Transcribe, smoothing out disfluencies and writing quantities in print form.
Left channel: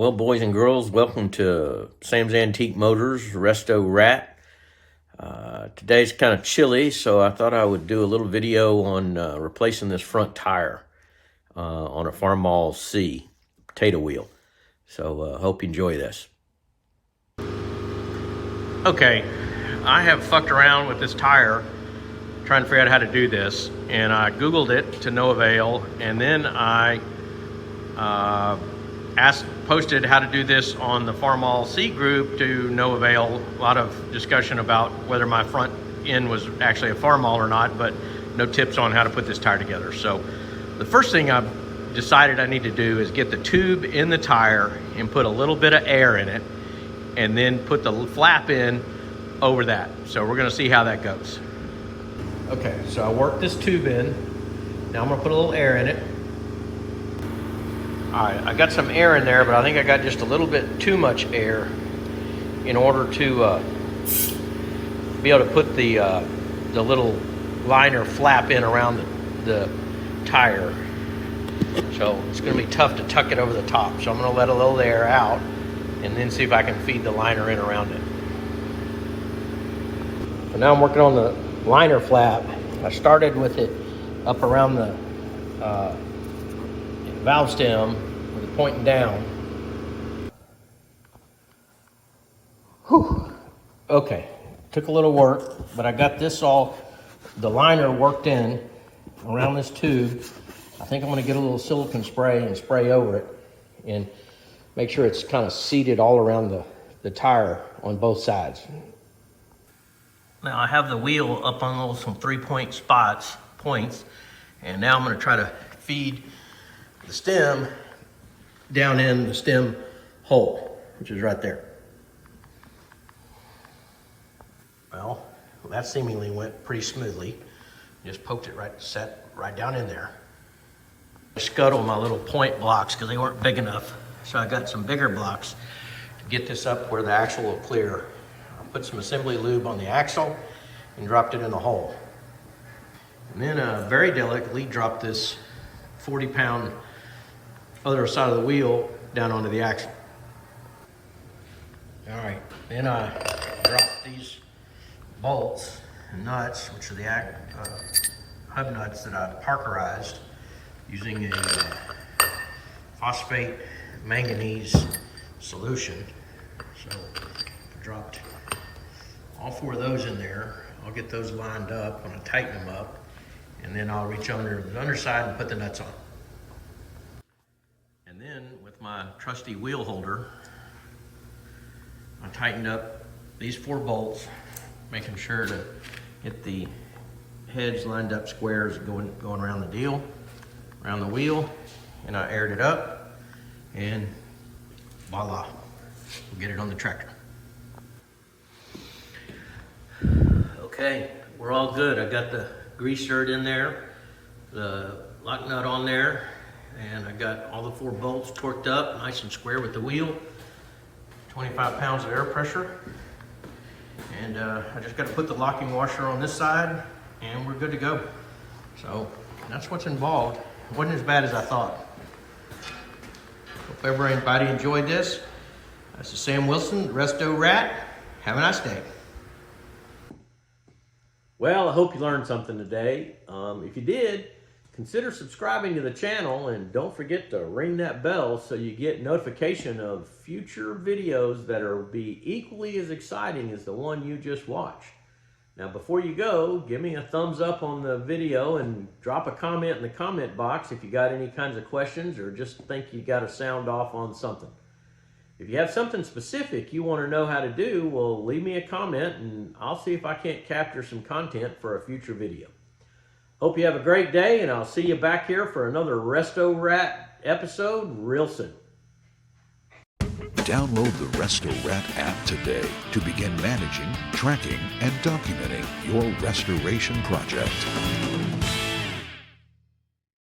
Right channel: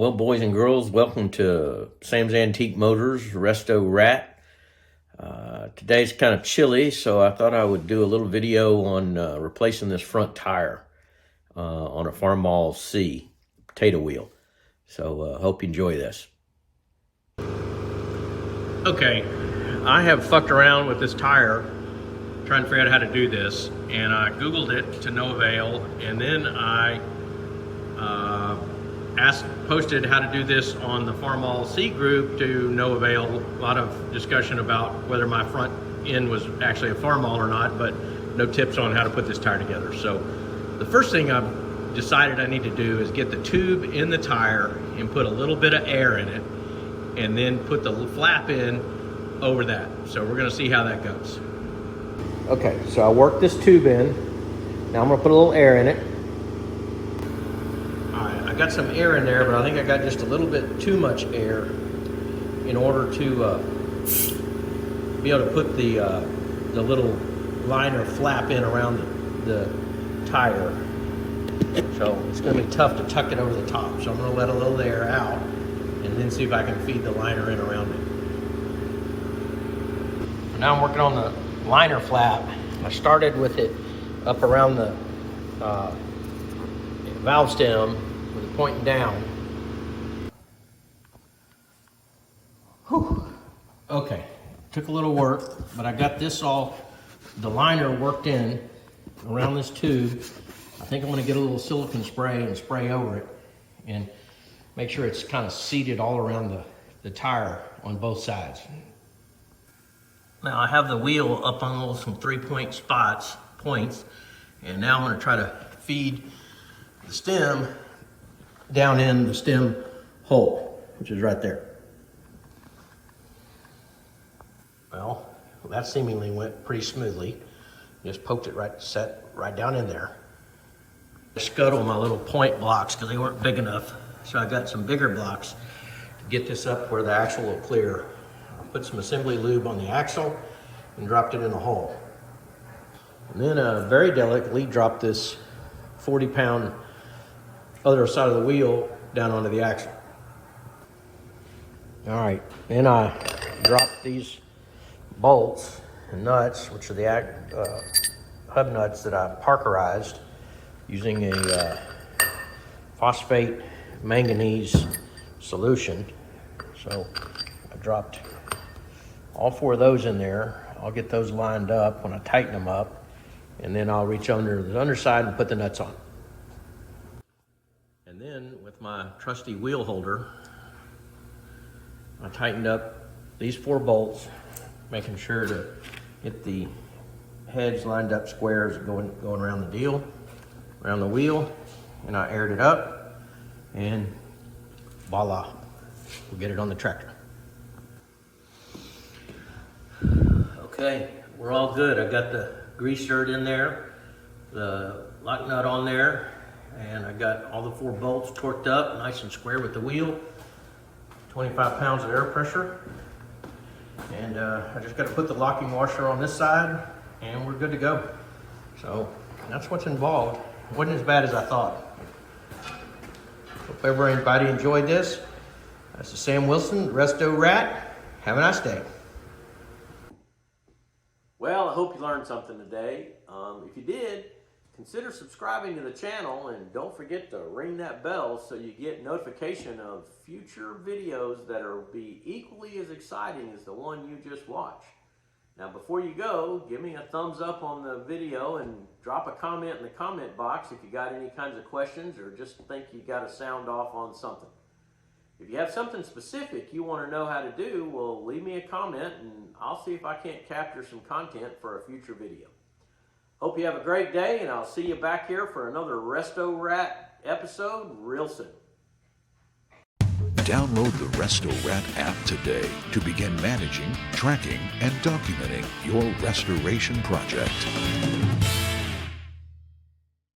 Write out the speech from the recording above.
Well, boys and girls, welcome to Sam's Antique Motors Resto-Rat. Today's kind of chilly, so I thought I would do a little video on replacing this front tire on a Farmall C potato wheel. So hope you enjoy this. Okay, I have fucked around with this tire trying to figure out how to do this, and I Googled it to no avail, and then I posted how to do this on the Farmall C group to no avail. A lot of discussion about whether my front end was actually a Farmall or not, but no tips on how to put this tire together. So the first thing I've decided I need to do is get the tube in the tire and put a little bit of air in it, and then put the flap in over that. So we're gonna see how that goes. Okay, so I worked this tube in. Now I'm gonna put a little air in it. All right, I got some air in there, but I think I got just a little bit too much air in order to be able to put the little liner flap in around the tire. So it's gonna be tough to tuck it over the top. So I'm gonna let a little air out and then see if I can feed the liner in around it. So now I'm working on the liner flap. I started with it up around the valve stem with it pointing down. Whew. Okay, took a little work, but I got this all, the liner worked in around this tube. I think I'm gonna get a little silicone spray and spray over it and make sure it's kind of seated all around the tire on both sides. Now I have the wheel up on some 3-point points, and now I'm gonna try to feed the stem down in the stem hole, which is right there. Well, that seemingly went pretty smoothly. Just poked it set right down in there. I scuttled my little point blocks because they weren't big enough. So I got some bigger blocks to get this up where the axle will clear. I put some assembly lube on the axle and dropped it in the hole. And then very delicately dropped this 40-pound other side of the wheel down onto the axle. All right, then I dropped these bolts and nuts, which are the hub nuts that I parkerized using a phosphate manganese solution. So I dropped all 4 of those in there. I'll get those lined up when I tighten them up, and then I'll reach under the underside and put the nuts on. And then with my trusty wheel holder, I tightened up these 4 bolts, making sure to get the heads lined up squares going around the deal, around the wheel, and I aired it up, and voila, we'll get it on the tractor. Okay, we're all good. I got the grease shirt in there, the lock nut on there, and I got all the 4 bolts torqued up nice and square with the wheel, 25 pounds of air pressure. And I just got to put the locking washer on this side, and we're good to go. So that's what's involved. It wasn't as bad as I thought. Hope everybody enjoyed this. This is Sam Wilson, Resto-Rat. Have a nice day. Well, I hope you learned something today. If you did, consider subscribing to the channel, and don't forget to ring that bell so you get notification of future videos that will be equally as exciting as the one you just watched. Now, before you go, give me a thumbs up on the video and drop a comment in the comment box if you got any kinds of questions or just think you got to sound off on something. If you have something specific you want to know how to do, well, leave me a comment and I'll see if I can't capture some content for a future video. Hope you have a great day, and I'll see you back here for another Resto-Rat episode real soon. Download the Resto-Rat app today to begin managing, tracking, and documenting your restoration project.